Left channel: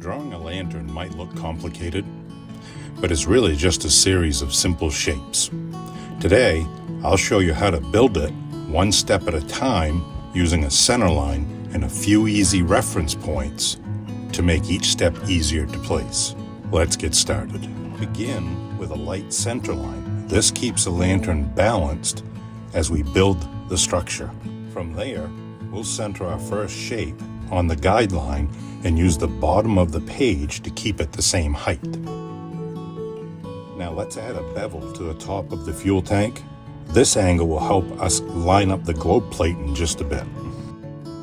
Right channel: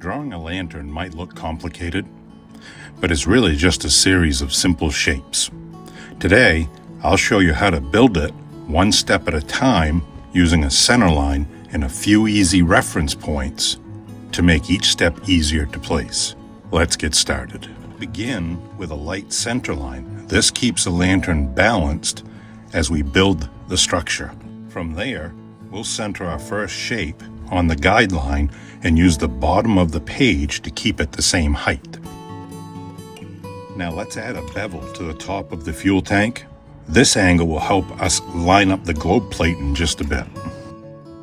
Drawing a lantern might look complicated, but it's really just a series of simple shapes. Today, I'll show you how to build it one step at a time using a center line and a few easy reference points to make each step easier to place. Let's get started. Begin with a light center line. This keeps the lantern balanced as we build the structure. From there, we'll center our first shape on the guideline and use the bottom of the page to keep it the same height. Now let's add a bevel to the top of the fuel tank. This angle will help us line up the globe plate in just a bit.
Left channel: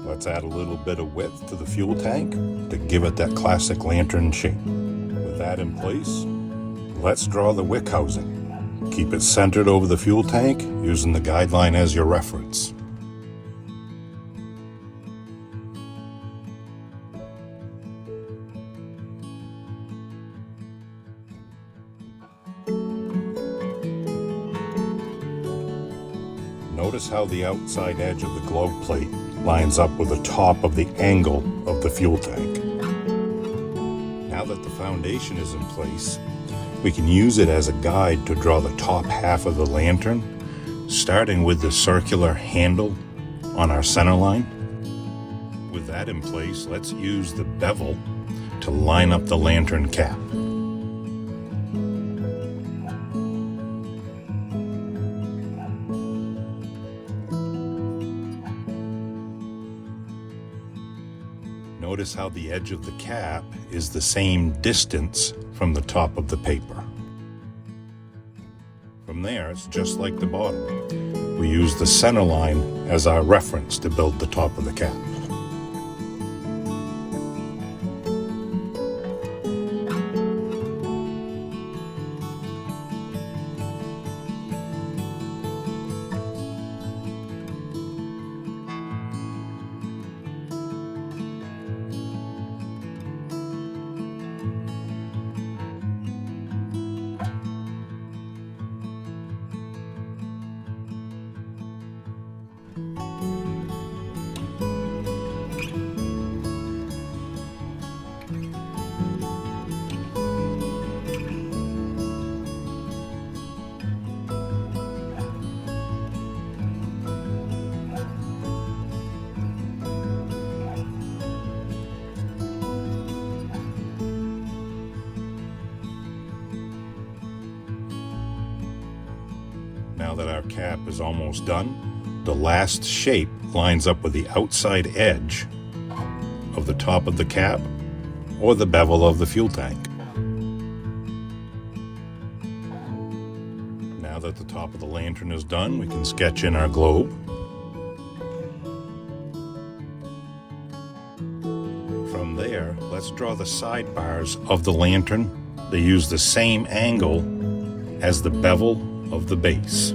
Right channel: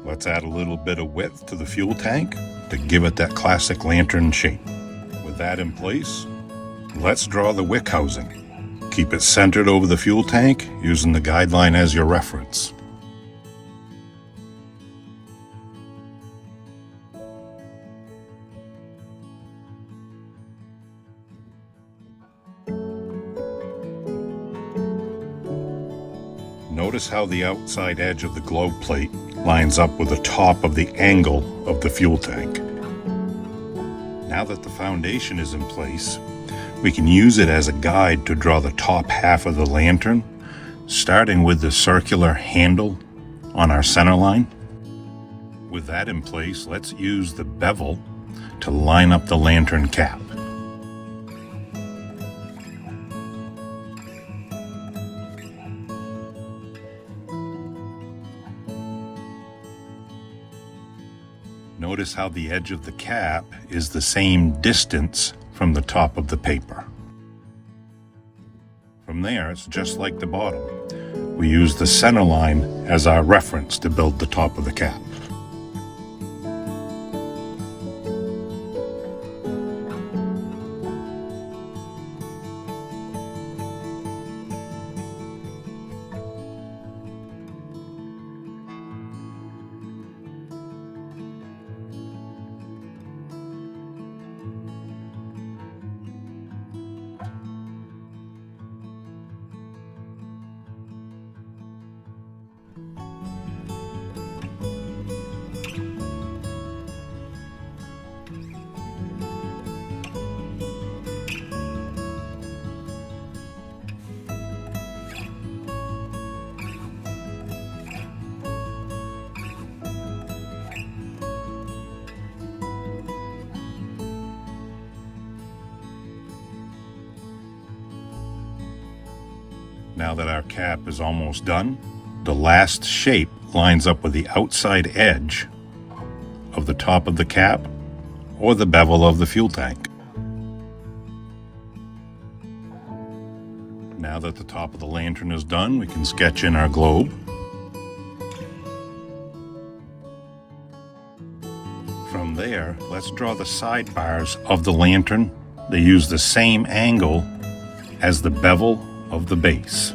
Let's add a little bit of width to the fuel tank to give it that classic lantern shape. With that in place, let's draw the wick housing. Keep it centered over the fuel tank using the guideline as your reference. Notice how the outside edge of the globe plate lines up with the top of the angle of the fuel tank. Now that the foundation is in place, we can use it as a guide to draw the top half of the lantern, starting with the circular handle on our center line. With that in place, let's use the bevel to line up the lantern cap. Notice how the edge of the cap is the same distance from the top of the paper. From there, it's just like the bottom. We use the center line as our reference to build the top of the cap. Now that our cap is almost done, the last shape lines up with the outside edge of the top of the cap or the bevel of the fuel tank. Now that the top of the lantern is done, we can sketch in our globe. From there, let's draw the sidebars of the lantern. They use the same angle as the bevel of the base.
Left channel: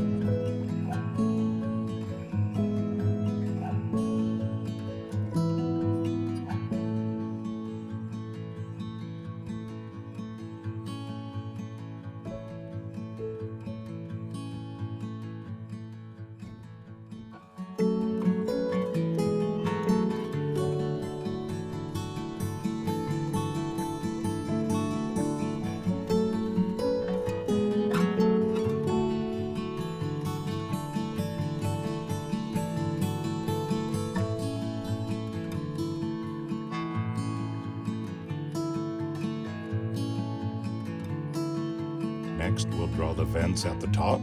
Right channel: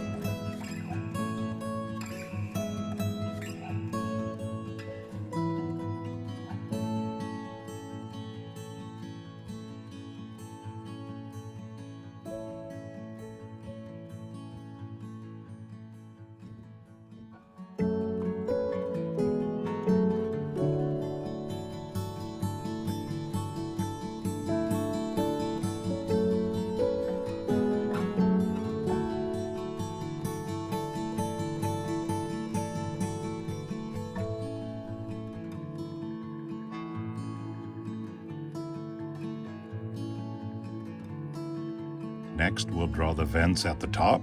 Next, we'll draw the vents at the top.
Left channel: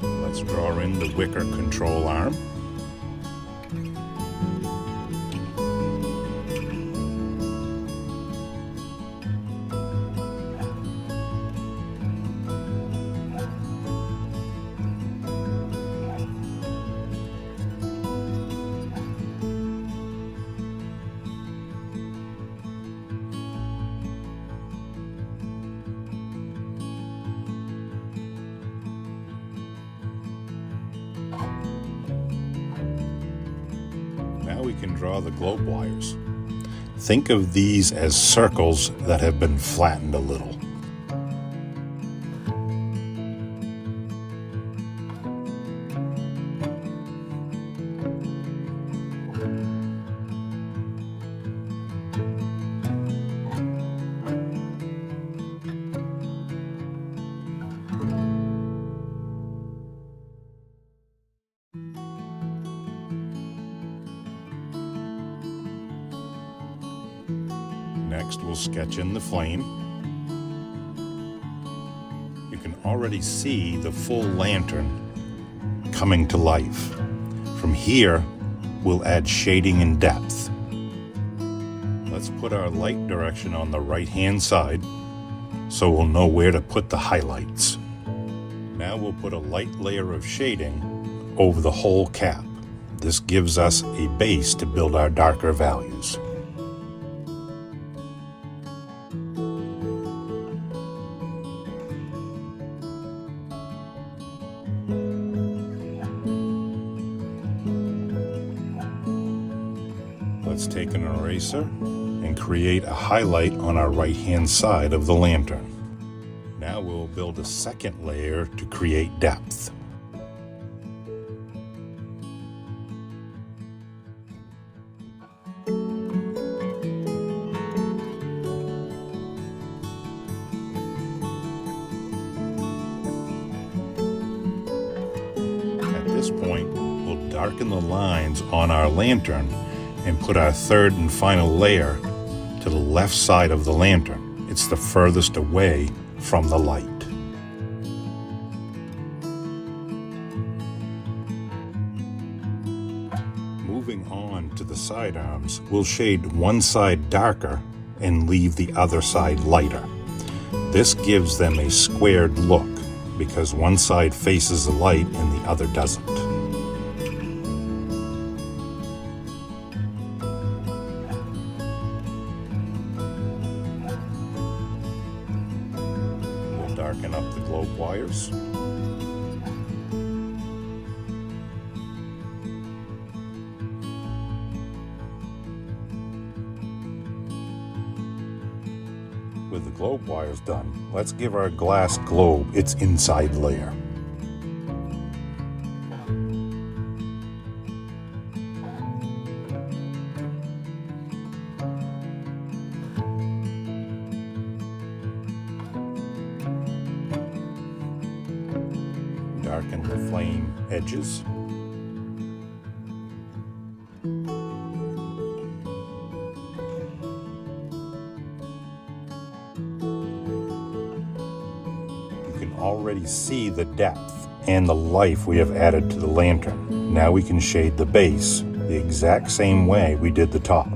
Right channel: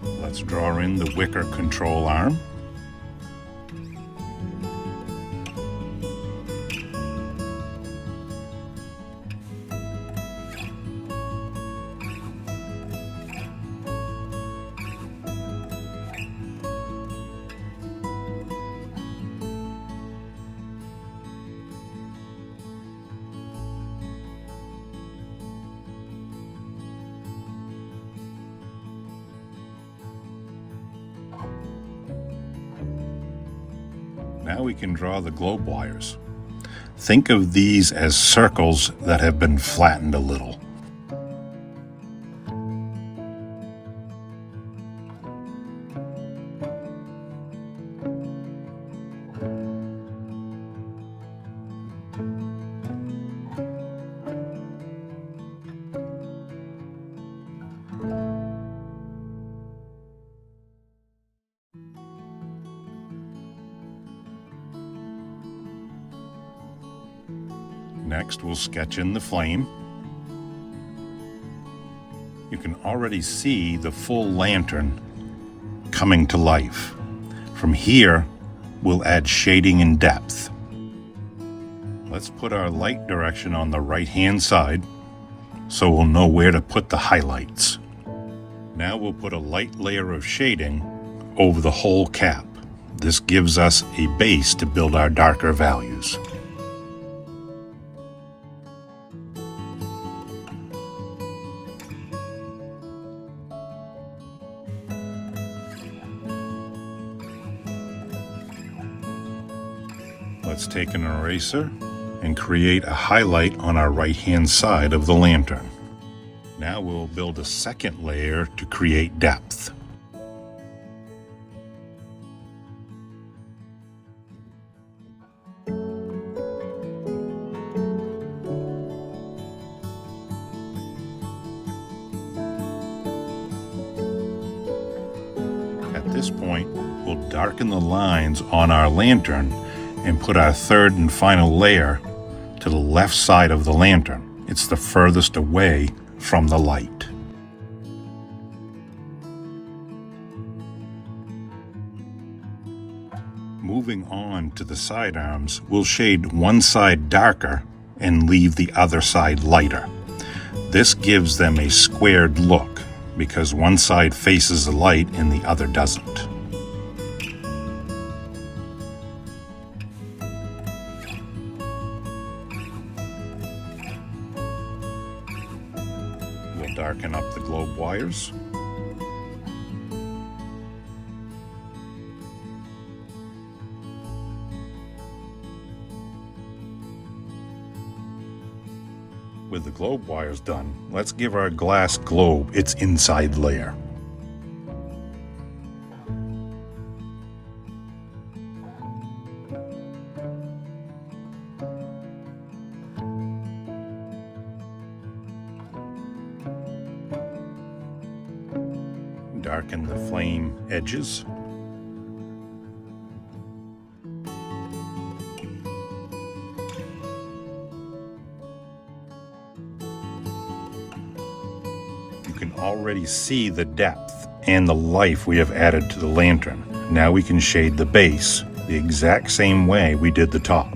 Let's draw in the wicker control arm. We can draw the globe wires. Think of these as circles that have been flattened a little. Next, we'll sketch in the flame. You can already see the full lantern coming to life. From here, we'll add shading and depth. Let's put our light direction on the right-hand side so we'll know where to put the highlights. Now we'll put a light layer of shading over the whole cap. This gives us a base to build our darker values. Let's take an eraser and create a highlight on our right-hand side of the lantern. Now we'll build a second layer to create depth. At this point, we'll darken the lines on our lantern and put our third and final layer to the left side of the lantern. It's the furthest away from the light. Moving on to the side arms, we'll shade one side darker and leave the other side lighter. This gives them a squared look because one side faces the light and the other doesn't. Darken up the globe wires. With the globe wires done, let's give our glass globe its inside layer. Darken the flame edges. You can already see the depth and the life we have added to the lantern. Now we can shade the base the exact same way we did the top.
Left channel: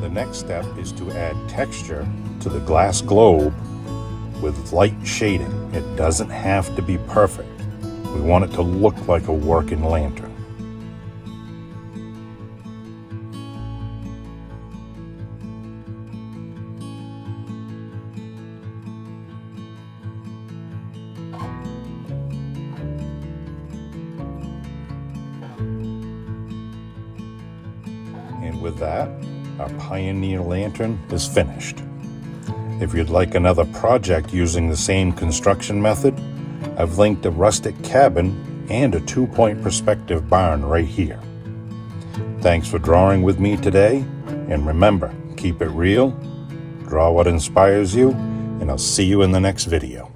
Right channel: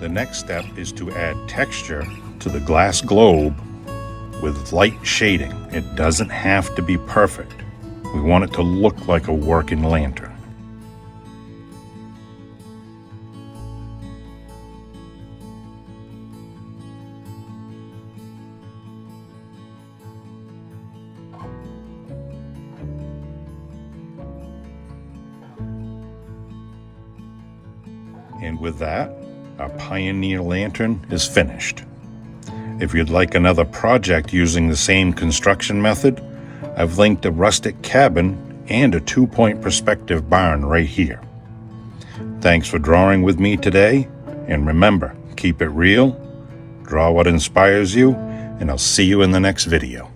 The next step is to add texture to the glass globe with light shading. It doesn't have to be perfect. We want it to look like a working lantern. And with that, our Pioneer lantern is finished. If you'd like another project using the same construction method, I've linked a rustic cabin and a 2-point perspective barn right here. Thanks for drawing with me today, and remember, keep it real, draw what inspires you, and I'll see you in the next video.